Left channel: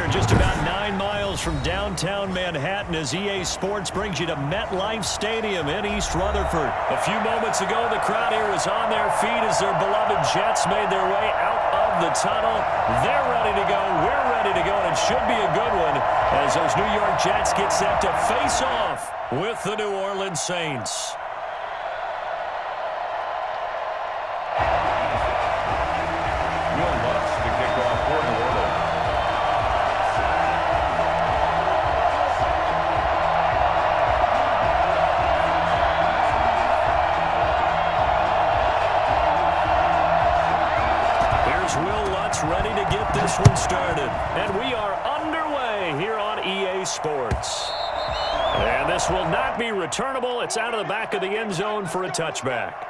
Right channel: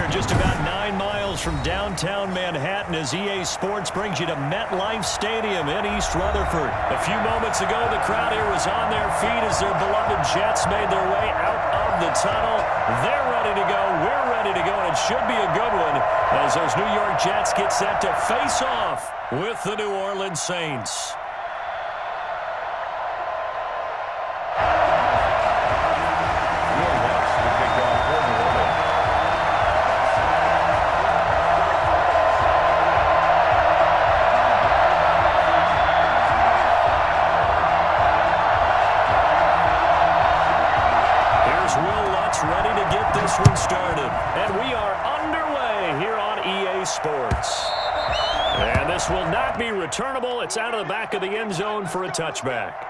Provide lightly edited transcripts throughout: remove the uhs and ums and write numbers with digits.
here just about 9 miles from downtown Manhattan as EA Sports brings you to MetLife Stadium in East Rutherford. A few moments ago, the crowd here was on their feet as their beloved Jets made their way out of the tunnel. They're ready to go. We're ready to go, and it should be a good one as those New York Jets get set to face off with the New Orleans Saints. Will Lutz to kick off for New Orleans. Here's Will Lutz ready to get this one started. And we are underway here on EA Sports. And this will not be returnable. It's out of the back of the end zone for a touchback.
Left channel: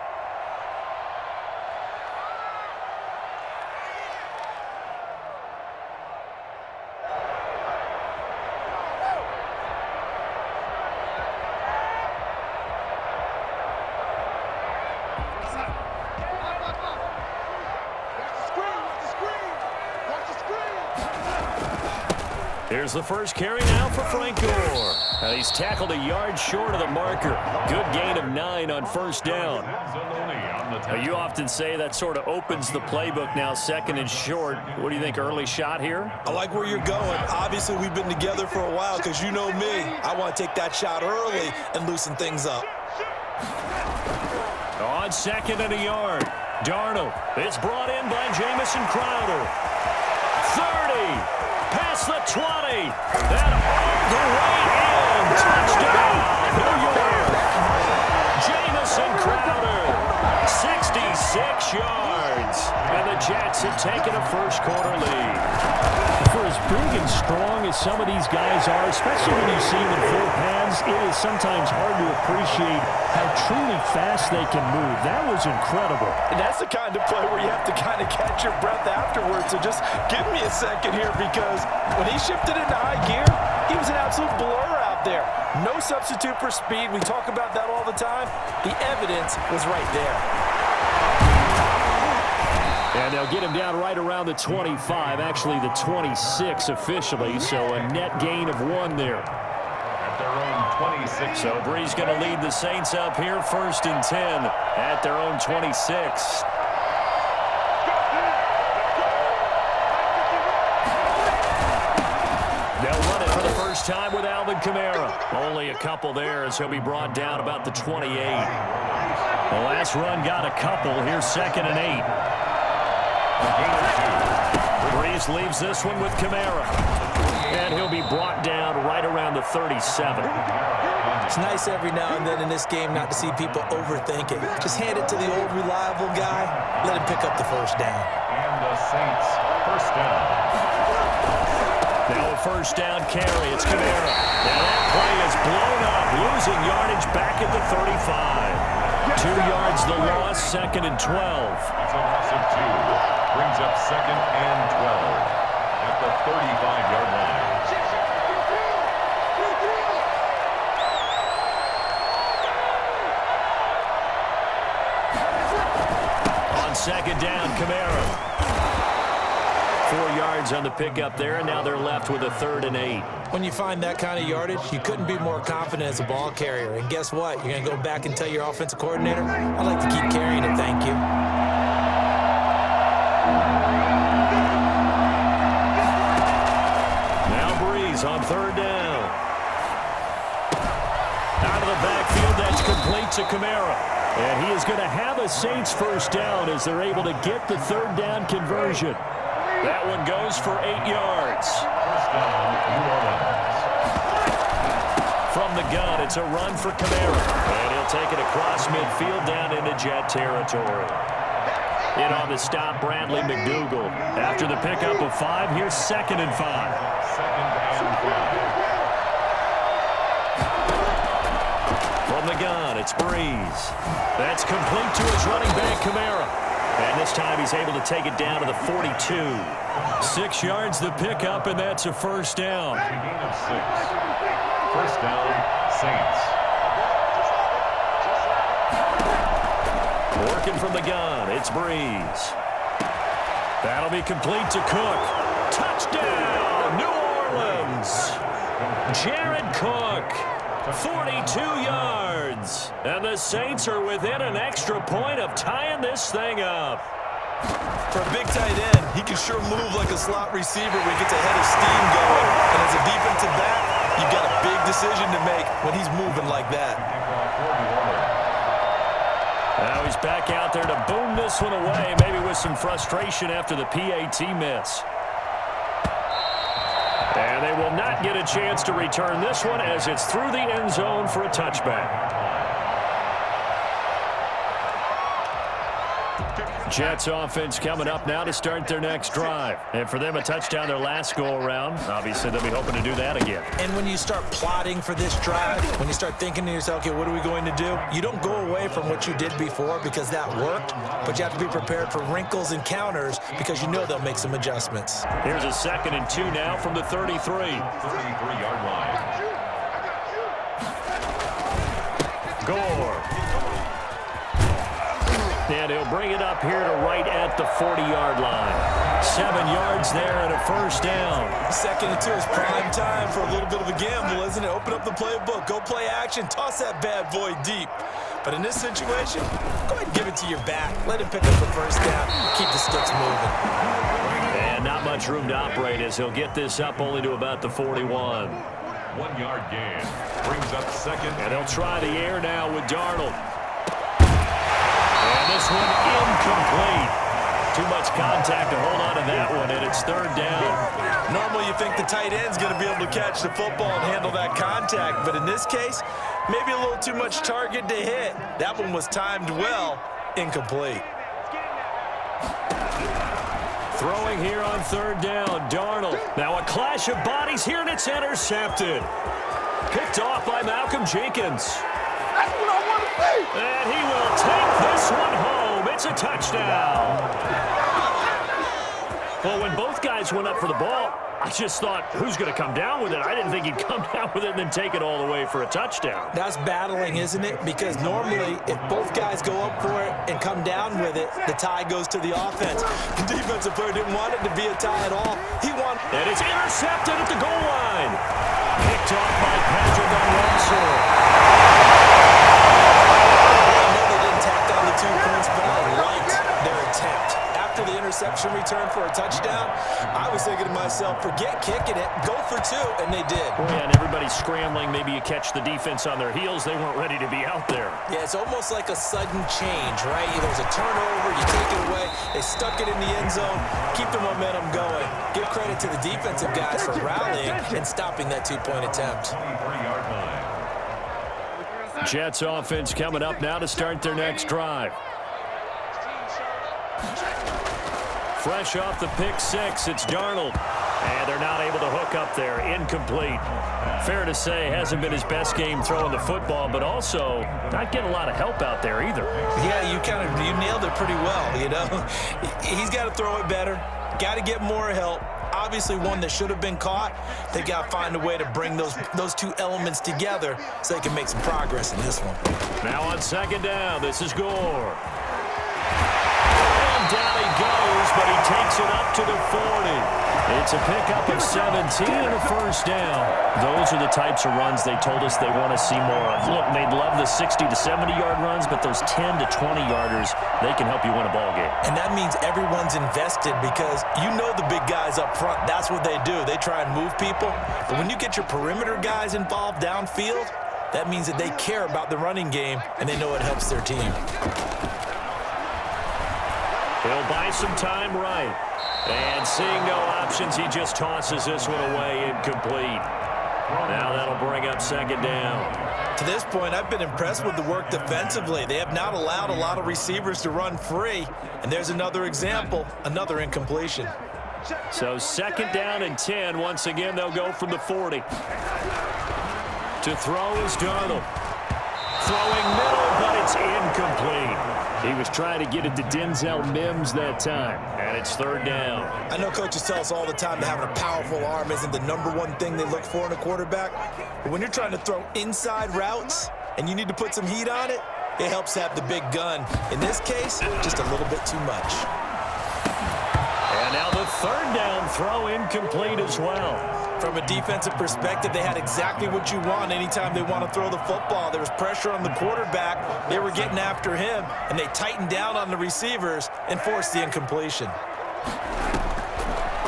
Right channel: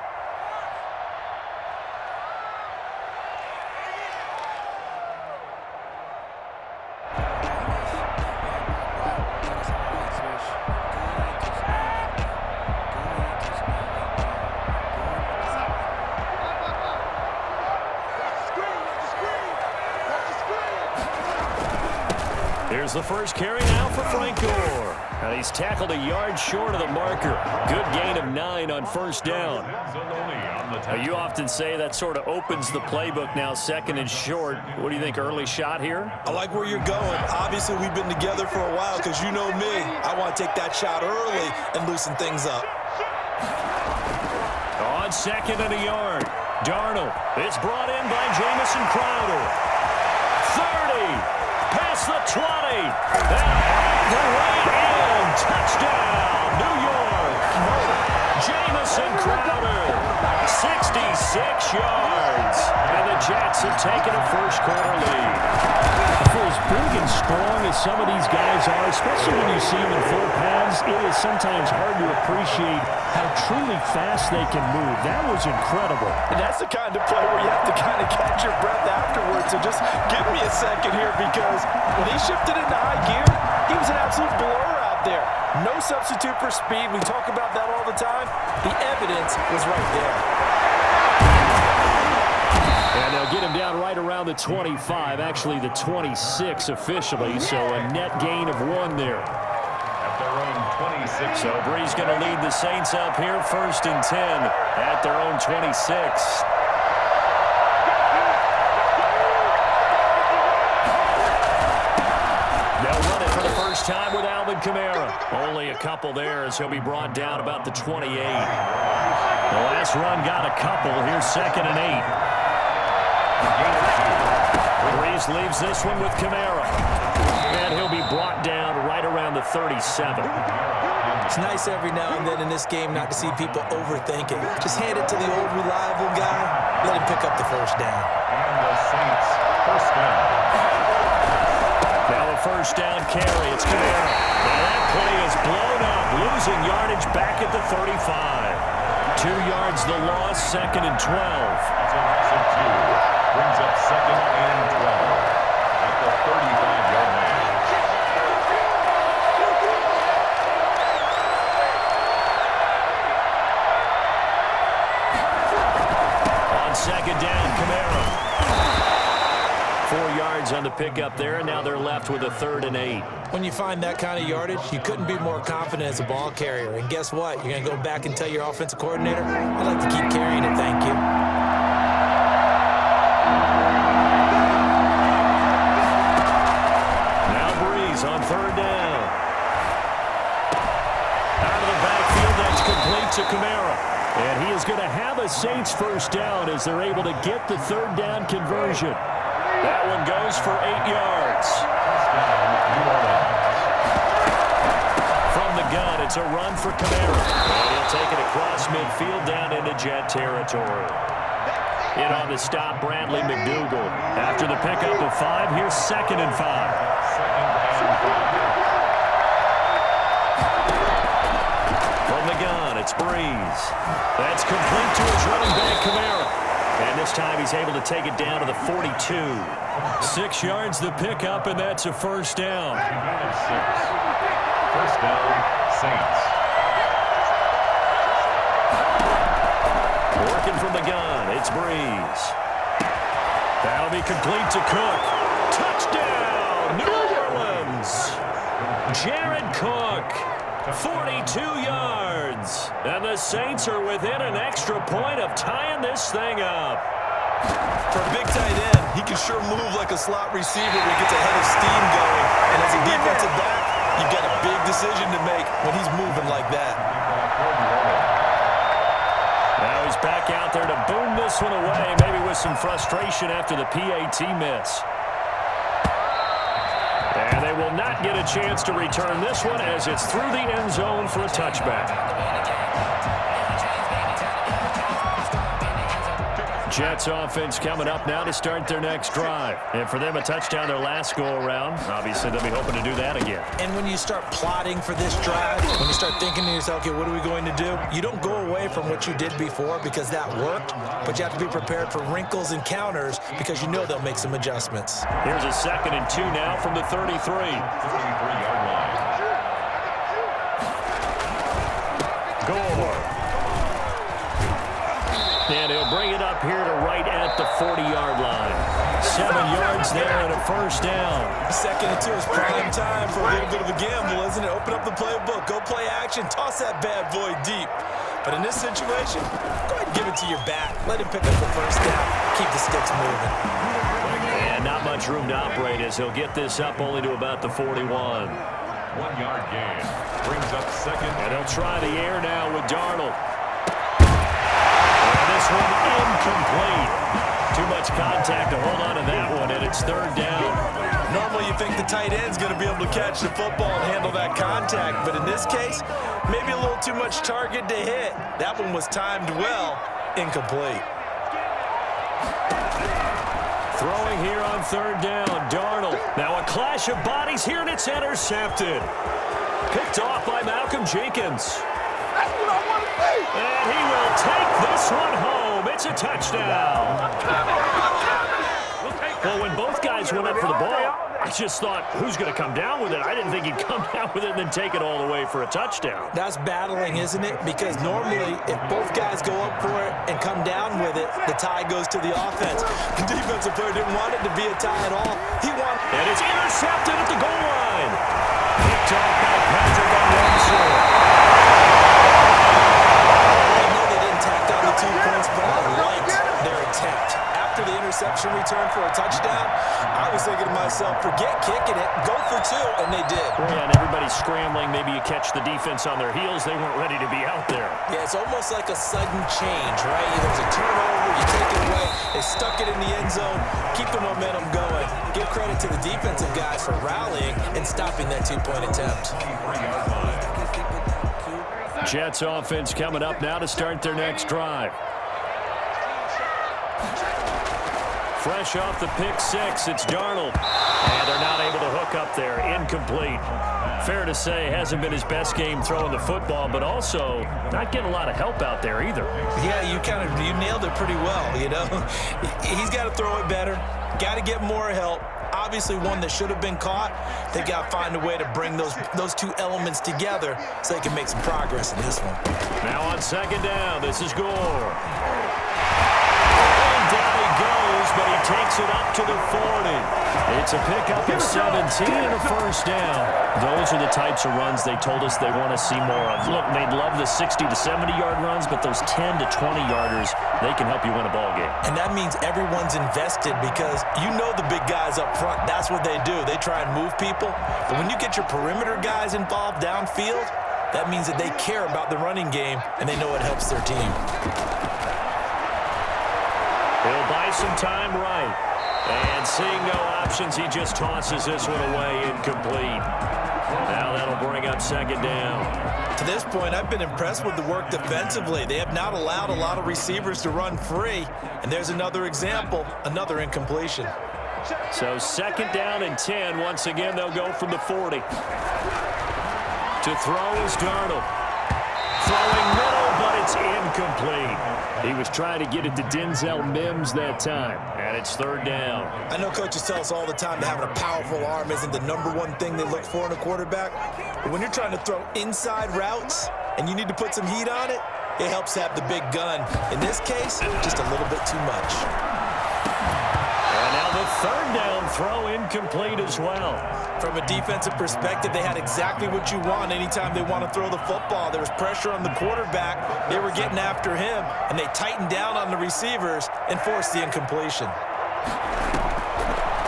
Here's the first carry now for Frank Gore. Now he's tackled a yard short of the marker. Good gain of 9 on first down. Now you often say that sort of opens the playbook now, second and short. What do you think, early shot here? I like where you're going. Obviously, we've been together for a while because you know me. I want to take that shot early and loosen things up. On second and a yard, Darnold. It's brought in by Jamison Crowder. 30. Past the 20. Then all the way in. Touchdown, New York. Jamison Crowder, 66 yards. And the Jets have taken a first-quarter lead. For as big and strong as some of these guys are, especially when you see them in full pads, it is sometimes hard to appreciate how truly fast they can move. That was incredible. And that's the kind of play where you have to kind of catch your breath afterwards. So just give me a second here because when he shifted into high gear, he was an absolute blur out there. No substitute for speed. We talk about that all the time. The evidence was right there. And they'll get him down right around the 25, actually the 26 officially, so a net gain of 1 there. At their own 26. So Brees going to lead the Saints up here, 1st and 10 at their own 26. They'll run it for the first time with Alvin Kamara. Only a couple there as he'll be brought down about the 28. The last run got a couple. Here's 2nd and 8. Brees leaves this one with Kamara. And he'll be brought down right around the 37. It's nice every now and then in this game not to see people overthink it. Just hand it to the old reliable guy. Let him pick up the first down. And the Saints, first down. Now a first down carry. It's Kamara. Now that play is blown up. Losing yardage back at the 35. 2 yards the loss, 2nd and 12. That's a loss of 2. Brings up 2nd and 12 at the 35-yard line. On 2nd down, Kamara. 4 yards on the pickup there, and now they're left with a 3rd and 8. When you find that kind of yardage, you couldn't be more confident as a ball carrier. And guess what? You're going to go back and tell your offensive coordinator, I'd like to keep carrying it, thank you. Now Brees on 3rd down. Out of the backfield, that's complete to Kamara. And he is going to have a Saints first down as they're able to get the 3rd down conversion. That one goes for 8 yards. First down, New Orleans. From the gun, it's a run for Kamara. And he'll take it across midfield down into Jet territory. In on the stop, Bradley McDougald. After the pickup of 5, here's 2nd and 5. 2nd and 5. From the gun, it's Brees. That's complete to his running back, Kamara. And this time he's able to take it down to the 42. 6 yards the pickup, and that's a first down. Gain of 6. First down, Saints. Working from the gun, it's Brees. That'll be complete to Cook. Touchdown, New Orleans! yards. Jared Cook, 42 yards. And the Saints are within an extra point of tying this thing up. For a big tight end, he can sure move like a slot receiver when he gets a head of steam going. And as a defensive back, you've got a big decision to make when he's moving like that. Now he's back out there to boom this one away, maybe with some frustration after the PAT miss. And they will not get a chance to return this one as it's through the end zone for a touchback. Jets offense coming up now to start their next drive. And for them, a touchdown their last go-around. Obviously, they'll be hoping to do that again. And when you start plotting for this drive, when you start thinking to yourself, okay, what are we going to do? You don't go away from what you did before because that worked, but you have to be prepared for wrinkles and counters because you know they'll make some adjustments. Here's a 2nd and 2 now from the 33. 33-yard line. Gore. And he'll bring it up here to right at the 40-yard line. 7 yards there and a first down. 2nd and 2 is prime time for a little bit of a gamble, isn't it? Open up the playbook, go play action, toss that bad boy deep. But in this situation, go ahead and give it to your back. Let him pick up the first down. Keep the sticks moving. And not much room to operate as he'll get this up only to about the 41. 1-yard gain. Brings up 2nd. And he'll try the air now with Darnold. And this one incomplete. Too much contact to hold on to that one, and it's 3rd down. Normally you think the tight end's going to be able to catch the football and handle that contact, but in this case, maybe a little too much target to hit. That one was timed well, incomplete. Throwing here on 3rd down, Darnold. Now a clash of bodies here, and it's intercepted. Picked off by Malcolm Jenkins. That's what I want to see. And he will take this one home. It's a touchdown. Well, when both guys went up for the ball, I just thought, who's going to come down with it? I didn't think he'd come down with it and then take it all the way for a touchdown. That's battling, isn't it? Because normally, if both guys go up for it and come down with it, the tie goes to the offense. The defensive player didn't want it to be a tie at all. He wanted... And it's intercepted at the goal line. Picked off by Patrick Alonso. Tacked on the 2 points, but I liked their attempt. After the interception return for a touchdown, I was thinking to myself, forget kicking it, go for 2, and they did. Yeah, and everybody's scrambling. Maybe you catch the defense on their heels. They weren't ready to be out there. Yeah, it's almost like a sudden change, right? There's a turnover, you take it away, they stuck it in the end zone, keep the momentum going. Give credit to the defensive guys for rallying and stopping that 2-point attempt. 23-yard line. Jets offense coming up now to start their next drive. Fresh off the pick 6, it's Darnold. And they're not able to hook up there. Incomplete. Fair to say, hasn't been his best game throwing the football, but also not getting a lot of help out there either. Yeah, you nailed it pretty well, you know. He's got to throw it better. Got to get more help. Obviously one that should have been caught. They got to find a way to bring those 2 elements together so they can make some progress in this one. Now on 2nd down, this is Gore. And down he goes, but he takes it up to the 40. It's a pickup of 17 and a first down. Those are the types of runs they told us they want to see more of. Look, they'd love the 60 to 70-yard runs, but those 10 to 20-yarders, they can help you win a ball game. And that means everyone's invested because you know the big guys up front, that's what they do. They try and move people. But when you get your perimeter guys involved downfield, that means that they care about the running game and they know it helps their team. He'll buy some time right. And seeing no options, he just tosses this one away, incomplete. Now that'll bring up 2nd down. To this point, I've been impressed with the work defensively. They have not allowed a lot of receivers to run free. And there's another example, another incompletion. So 2nd down and 10. Once again, they'll go from the 40. To throw is Darnold. Throwing middle, but it's incomplete. He was trying to get it to Denzel Mims that time, and it's 3rd down. I know coaches tell us all the time that having a powerful arm isn't the #1 thing they look for in a quarterback. But when you're trying to throw inside routes and you need to put some heat on it, it helps have the big gun. In this case, just a little bit too much. And now The third down throw incomplete as well. From a defensive perspective, they had exactly what you want anytime they want to throw the football. There was pressure on the quarterback. They were getting after him, and they tightened down on the receivers and forced the incompletion.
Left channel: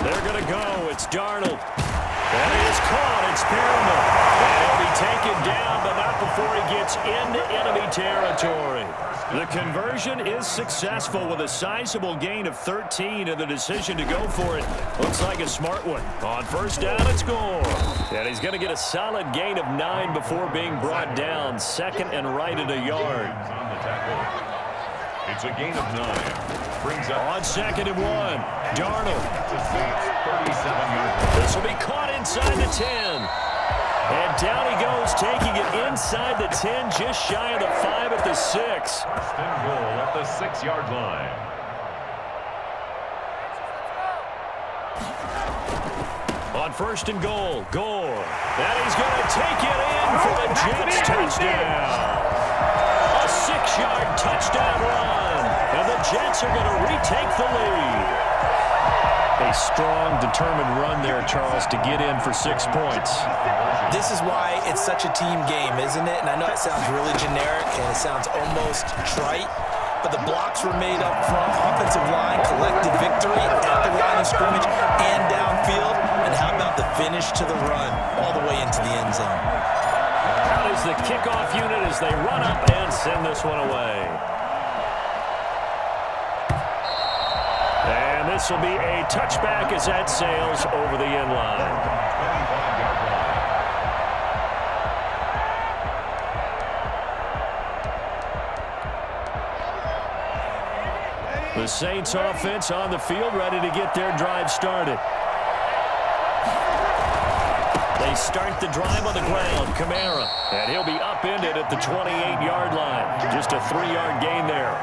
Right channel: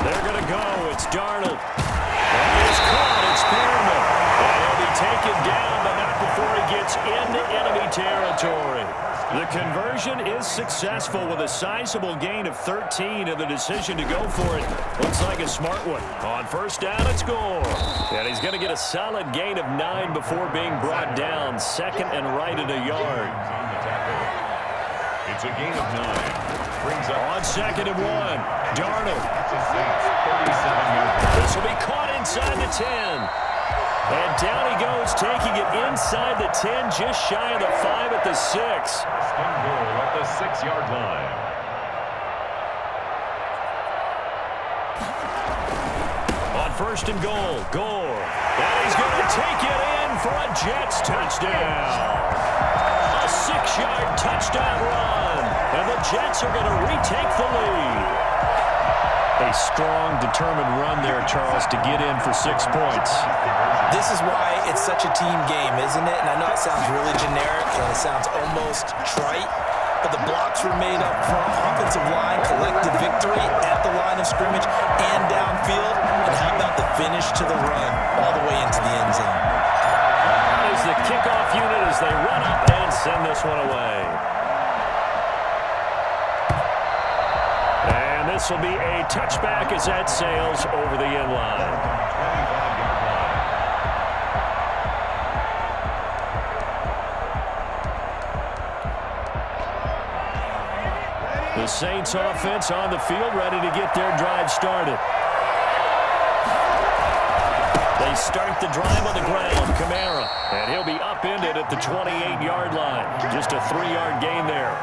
They're going to go. It's Darnold. And he is caught. It's Perriman. And he'll be taken down, but not before he gets into enemy territory. The conversion is successful with a sizable gain of 13, and the decision to go for it looks like a smart one. On first down, it's Gore. And he's going to get a solid gain of 9 before being brought down. Second and right at a yard. On the tackle. It's a gain of 9. Brings up On second and 1, Darnold. to Saints, 37-yard. This will be caught inside the 10. And down he goes, taking it inside the 10, just shy of the 5 at the 6. First and goal at the 6-yard line. On first and goal, Gore. And he's going to take it in for a Jets touchdown. A 6-yard touchdown run. And the Jets are going to retake the lead. A strong, determined run there, Charles, to get in for 6 points. This is why it's such a team game, isn't it? And I know it sounds really generic and it sounds almost trite, but the blocks were made up front. Offensive line collected victory at the line of scrimmage and downfield. And how about the finish to the run all the way into the end zone? Out is the kickoff unit as they run up and send this one away. And this will be a touchback as that sails over the end line. 25-yard line. The Saints offense on the field, ready to get their drive started. They start the drive on the ground. Kamara, and he'll be upended at the 28-yard line. Just a 3-yard gain there.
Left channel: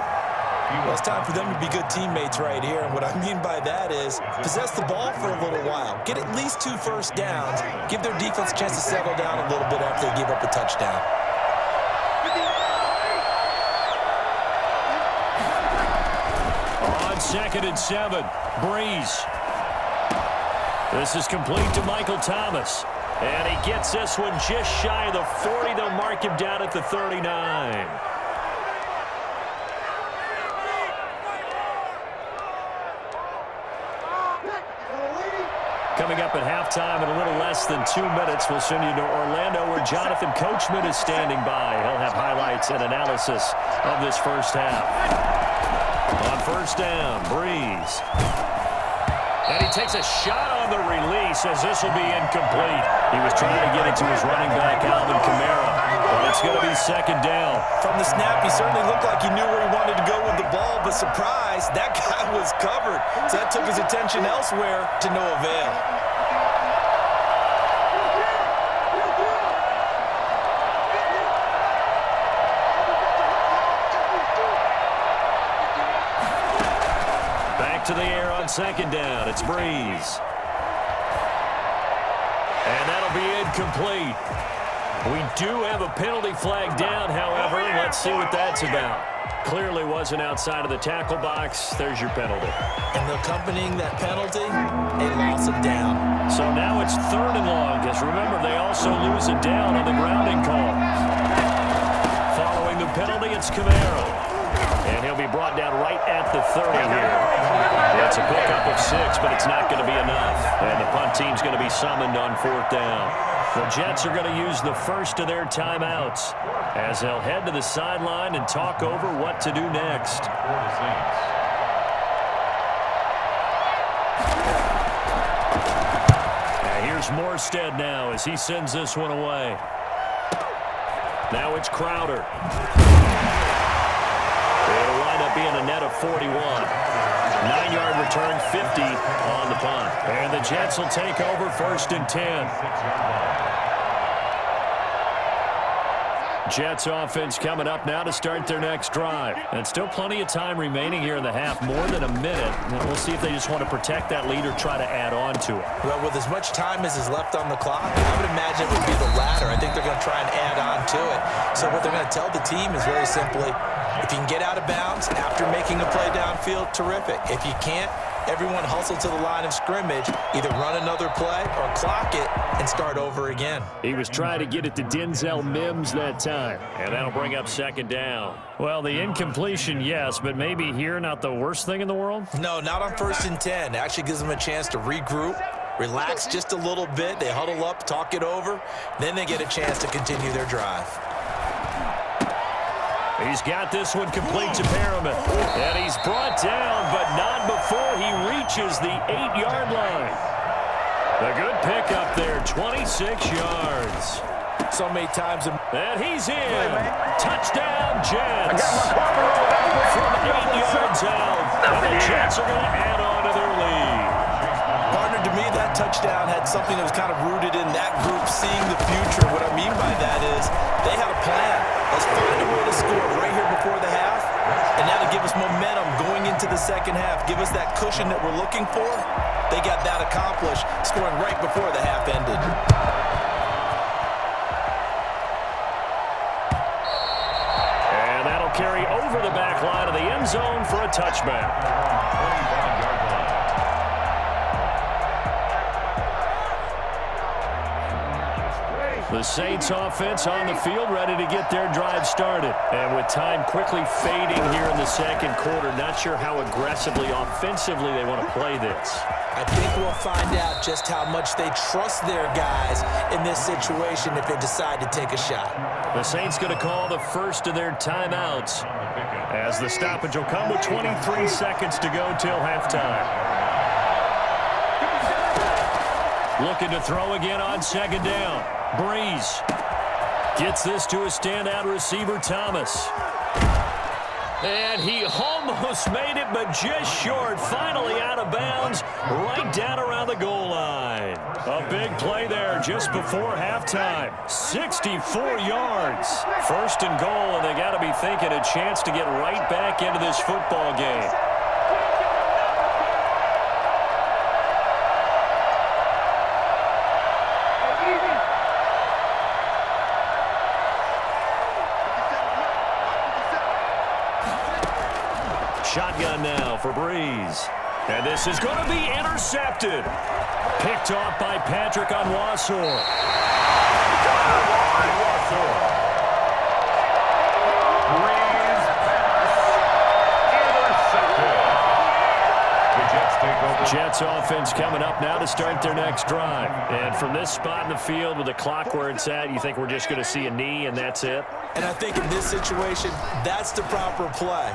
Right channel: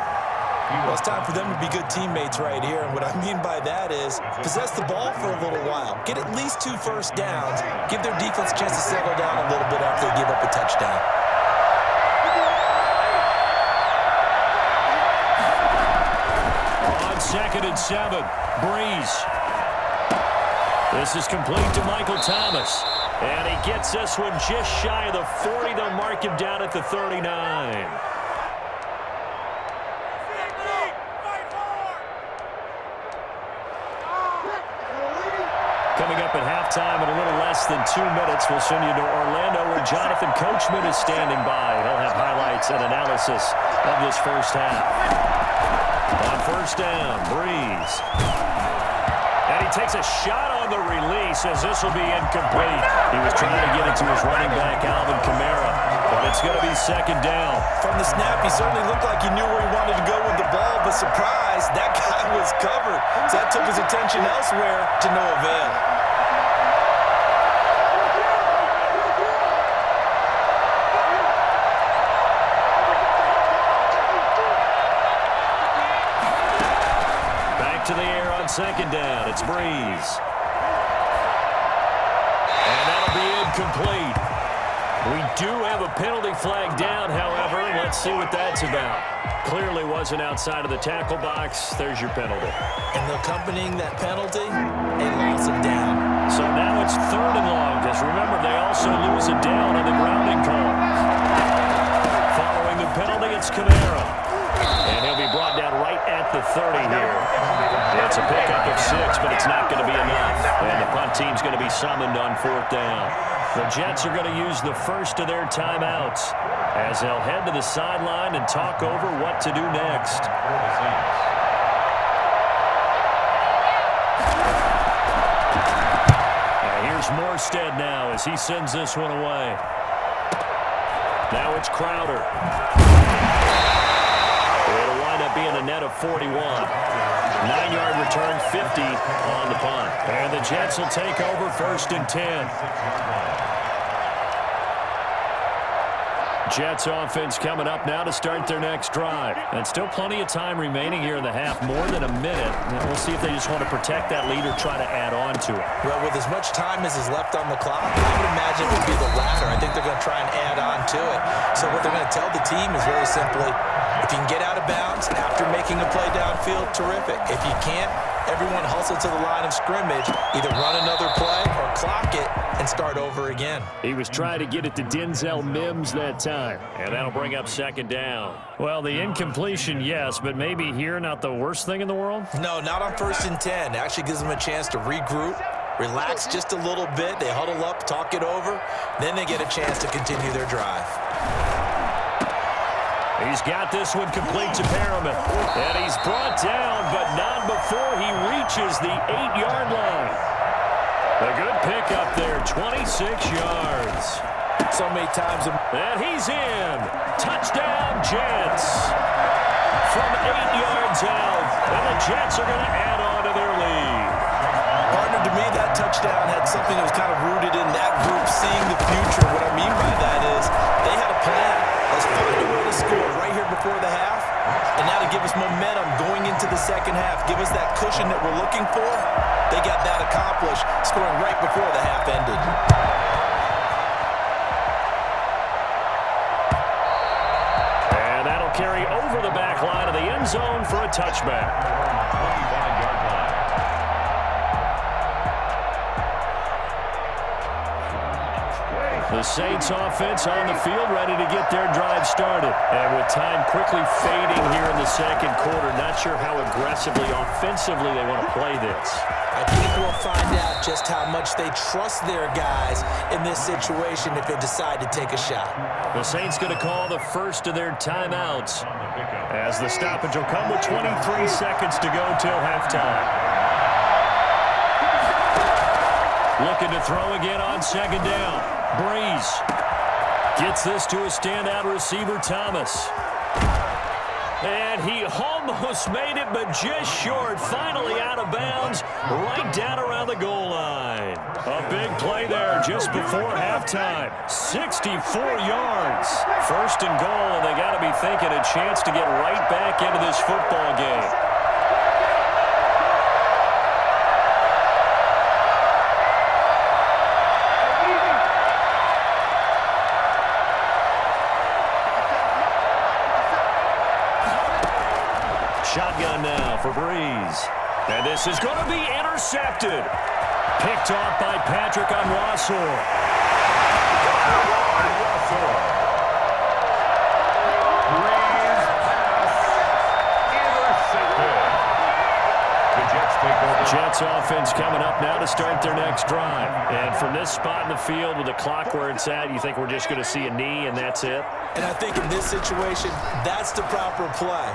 Well, it's time for them to be good teammates right here. And what I mean by that is possess the ball for a little while. Get at least 2 first downs. Give their defense a chance to settle down a little bit after they give up a touchdown. On second and 7, Breeze. This is complete to Michael Thomas. And he gets this one just shy of the 40. They'll mark him down at the 39. Coming up at halftime in a little less than 2 minutes, we'll send you to Orlando where Jonathan Coachman is standing by. He'll have highlights and analysis of this first half. On first down, Breeze. And he takes a shot on the release as this will be incomplete. He was trying to get it to his running back, Alvin Kamara, but it's going to be second down. From the snap, he certainly looked like he knew where he wanted to go with the ball, but surprise, that guy was covered. So that took his attention elsewhere to no avail. To the air on second down. It's Breeze. And that'll be incomplete. We do have a penalty flag down, however. Let's see what that's about. Clearly wasn't outside of the tackle box. There's your penalty. And accompanying that penalty, a loss of down. So now it's third and long, because remember, they also lose a down on the grounding call. Following the penalty, it's Kamara. And he'll be brought down right at the 30 here. It's a pickup of 6, but it's not going to be enough. And the punt team's going to be summoned on fourth down. The Jets are going to use the first of their timeouts as they'll head to the sideline and talk over what to do next. For the Saints. And here's Morstead now as he sends this one away. Now it's Crowder. It'll wind up being a net of 41. 9-yard return, 50 on the punt. And the Jets will take over first and 10. 6-yard line. Jets offense coming up now to start their next drive. And still plenty of time remaining here in the half, more than a minute. And we'll see if they just want to protect that lead or try to add on to it. Well, with as much time as is left on the clock, I would imagine it would be the latter. I think they're going to try and add on to it. So what they're going to tell the team is very simply, if you can get out of bounds after making a play downfield, terrific. If you can't, everyone hustle to the line of scrimmage, either run another play or clock it and start over again. He was trying to get it to Denzel Mims that time, and that'll bring up second down. Well, the incompletion, yes, but maybe here not the worst thing in the world? No, not on 1st and 10. It actually gives them a chance to regroup, relax just a little bit. They huddle up, talk it over, then they get a chance to continue their drive. He's got this one complete to Perriman. And he's brought down, but not before he reaches the 8-yard line. A good pickup there, 26 yards. So many times. And he's in. Touchdown, Jets. From 8 yards out. And the Jets are going to add on to their lead. Partner, to me, that touchdown had something that was kind of rooted in that group seeing the future. What I mean by that is they had a plan. Let's find a way to score right here before the half. And now to give us momentum going into the second half, give us that cushion that we're looking for. They got that accomplished, scoring right before the half ended. And that'll carry over the back line of the end zone for a touchback. 25-yard line. The Saints offense on the field, ready to get their drive started. And with time quickly fading here in the second quarter, not sure how aggressively, offensively they want to play this. I think we'll find out just how much they trust their guys in this situation if they decide to take a shot. The Saints going to call the first of their timeouts as the stoppage will come with 23 seconds to go till halftime. Looking to throw again on second down. Breeze gets this to a standout receiver, Thomas. And he almost made it, but just short. Finally out of bounds, right down around the goal line. A big play there just before halftime. 64 yards. 1st and goal, and they got to be thinking a chance to get right back into this football game. Shotgun now for Breeze. And this is going to be intercepted. Picked off by Patrick Onwuasor. Breeze pass intercepted. The Jets take over. Jets offense coming up now to start their next drive. And from this spot in the field with the clock where it's at, you think we're just going to see a knee and that's it? And I think in this situation, that's the proper play.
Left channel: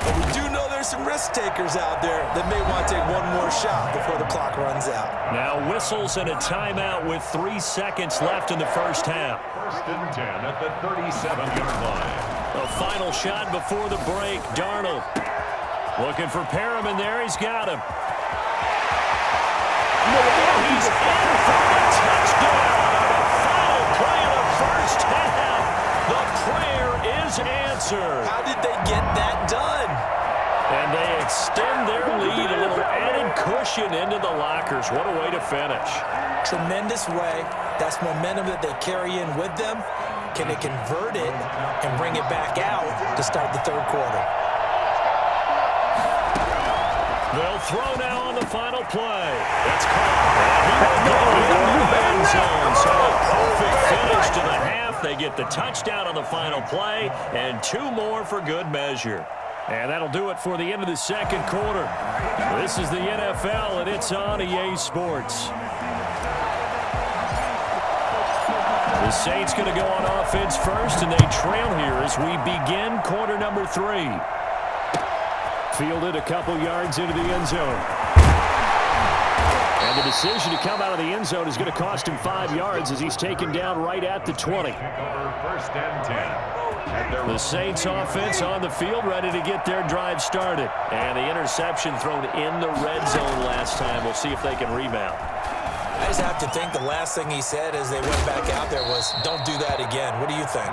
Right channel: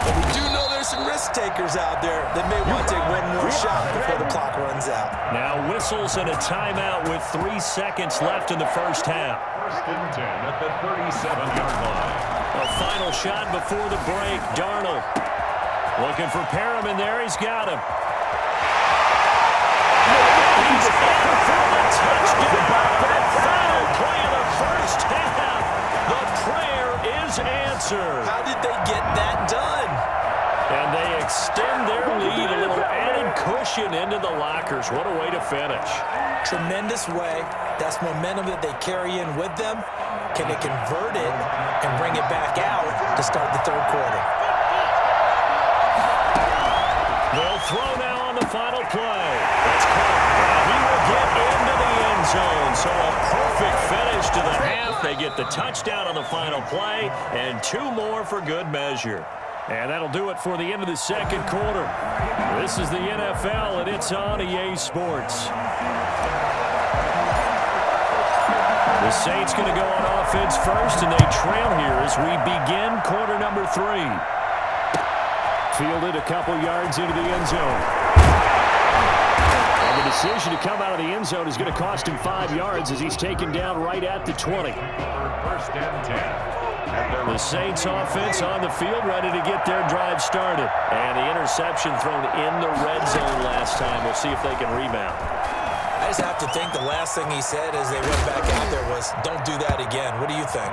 But we do know there's some risk takers out there that may want to take one more shot before the clock runs out. Now whistles and a timeout with 3 seconds left in the first half. 1st and 10 at the 37-yard line. A final shot before the break. Darnold looking for Perriman there. He's got him. And he's in for the touchdown on the final play of the first half. The prayer is answered. How did they get that done? And they extend their lead, a little added cushion into the lockers. What a way to finish. Tremendous way. That's momentum that they carry in with them. Can they convert it and bring it back out to start the third quarter? They'll throw now on the final play. That's caught. And he will get into the end zone. So a perfect finish to the half. They get the touchdown on the final play and 2 more for good measure. And that'll do it for the end of the second quarter. This is the NFL, and it's on EA Sports. The Saints going to go on offense first, and they trail here as we begin quarter number 3. Fielded a couple yards into the end zone. And the decision to come out of the end zone is going to cost him 5 yards as he's taken down right at the 20. 1st and 10. The Saints offense on the field, ready to get their drive started. And the interception thrown in the red zone last time. We'll see if they can rebound. I just have to think the last thing he said as they went back out there was, don't do that again. What do you think?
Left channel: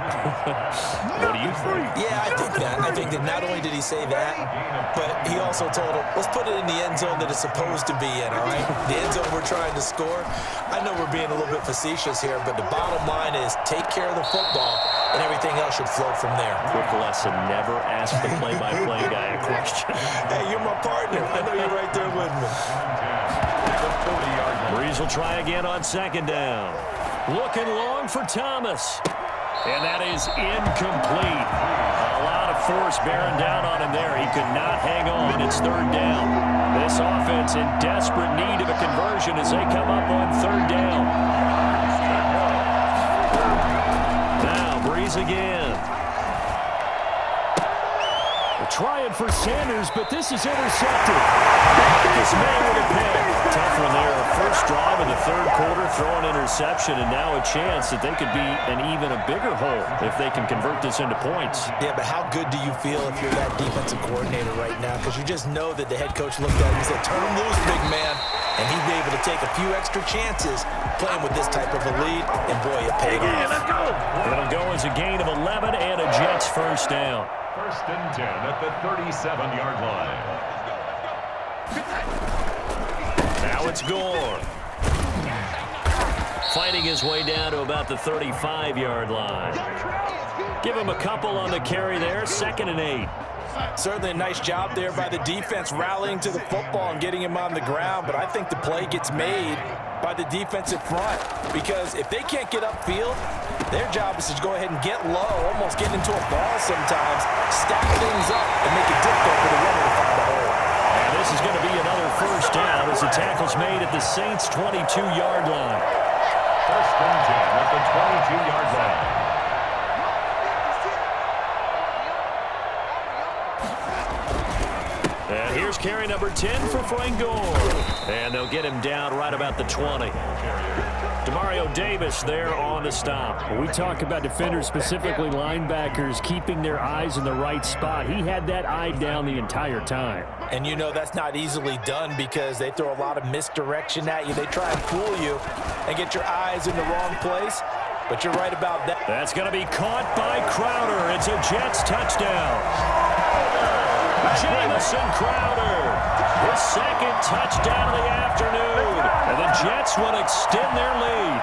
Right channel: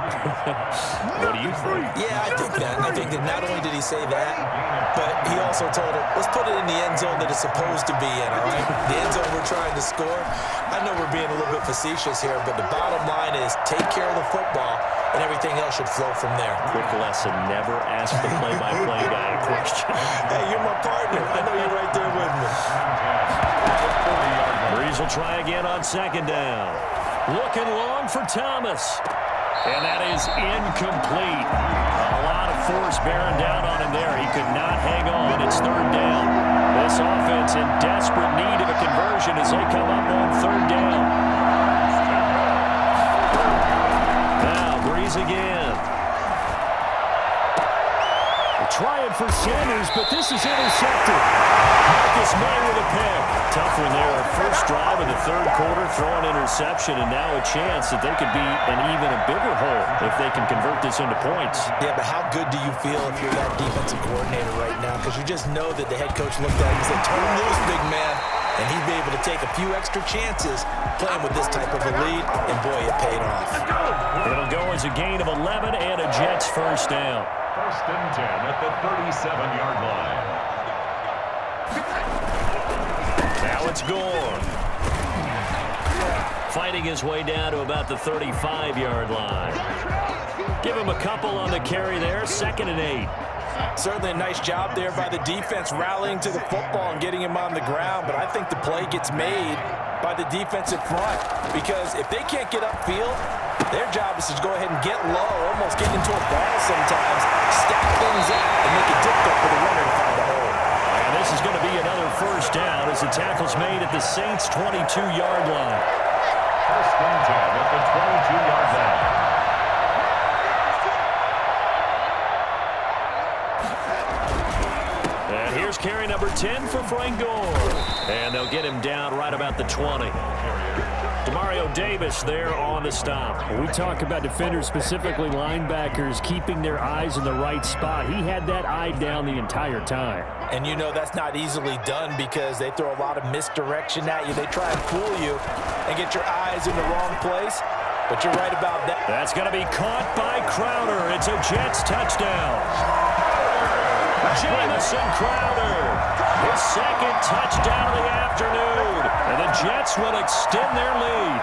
What do you think? Yeah, I think that. I think that not only did he say that, but he also told him, let's put it in the end zone that it's supposed to be in, all right? The end zone we're trying to score. I know we're being a little bit facetious here, but the bottom line is take care of the football, and everything else should flow from there. Quick lesson, never ask the play-by-play guy a question. Hey, you're my partner. I know you're right there with me. Breeze will try again on second down. Looking long for Thomas. And that is incomplete. A lot of force bearing down on him there. He could not hang on. It's third down. This offense in desperate need of a conversion as they come up on third down. Now Breeze again. Trying for Sanders, but this is intercepted. Marcus May with a pick. Tough one there. First drive of the third quarter, throwing interception, and now a chance that they could be in even a bigger hole if they can convert this into points. Yeah, but how good do you feel if you're that defensive coordinator right now? Because you just know that the head coach looked at him and said, turn him loose, big man. And he'd be able to take a few extra chances playing with this type of a lead, and boy, it paid off. It'll go as a gain of 11 and a Jets first down. First and 10 at the 37-yard line. Now it's Gore. Fighting his way down to about the 35-yard line. Give him a couple on the carry there, 2nd and 8. Certainly a nice job there by the defense rallying to the football and getting him on the ground, but I think the play gets made by the defensive front because if they can't get upfield, their job is to go ahead and get low, almost get into a ball sometimes, stack things up, and make it difficult for the runner to find a hole. And this is going to be another first down as the tackle's made at the Saints' 22-yard line. First and 10 at the 22-yard line. And here's carry number 10 for Frank Gore. And they'll get him down right about the 20. Demario Davis there on the stop. We talk about defenders, specifically linebackers, keeping their eyes in the right spot. He had that eye down the entire time. And you know that's not easily done because they throw a lot of misdirection at you. They try and fool you and get your eyes in the wrong place. But you're right about that. That's going to be caught by Crowder. It's a Jets touchdown. Jamison Crowder, his second touchdown of the afternoon, and the Jets will extend their lead.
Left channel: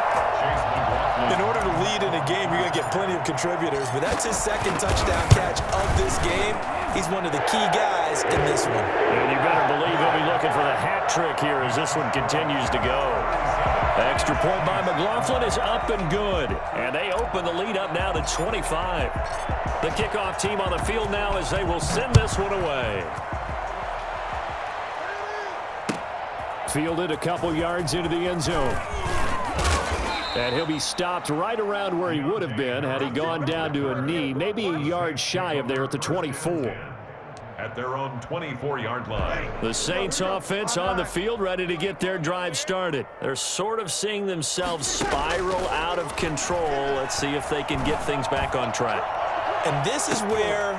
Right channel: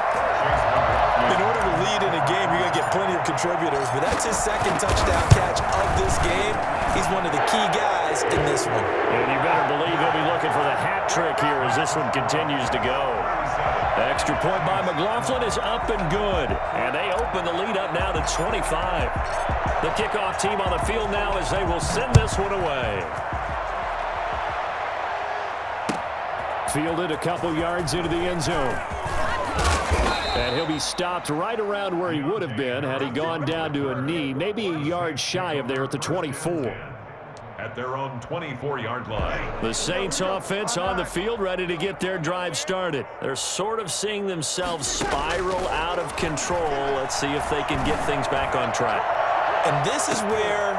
In order to lead in a game, you're going to get plenty of contributors, but that's his second touchdown catch of this game. He's one of the key guys in this one. And you better believe he'll be looking for the hat trick here as this one continues to go. Extra point by McLaughlin is up and good, and they open the lead up now to 25. The kickoff team on the field now as they will send this one away. Fielded a couple yards into the end zone. And he'll be stopped right around where he would have been had he gone down to a knee, maybe a yard shy of there at the 24. At their own 24-yard line. The Saints offense on the field ready to get their drive started. They're sort of seeing themselves spiral out of control. Let's see if they can get things back on track. And this is where...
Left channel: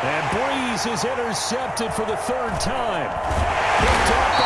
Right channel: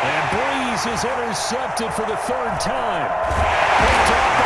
And Breeze is intercepted for the third time. Picked off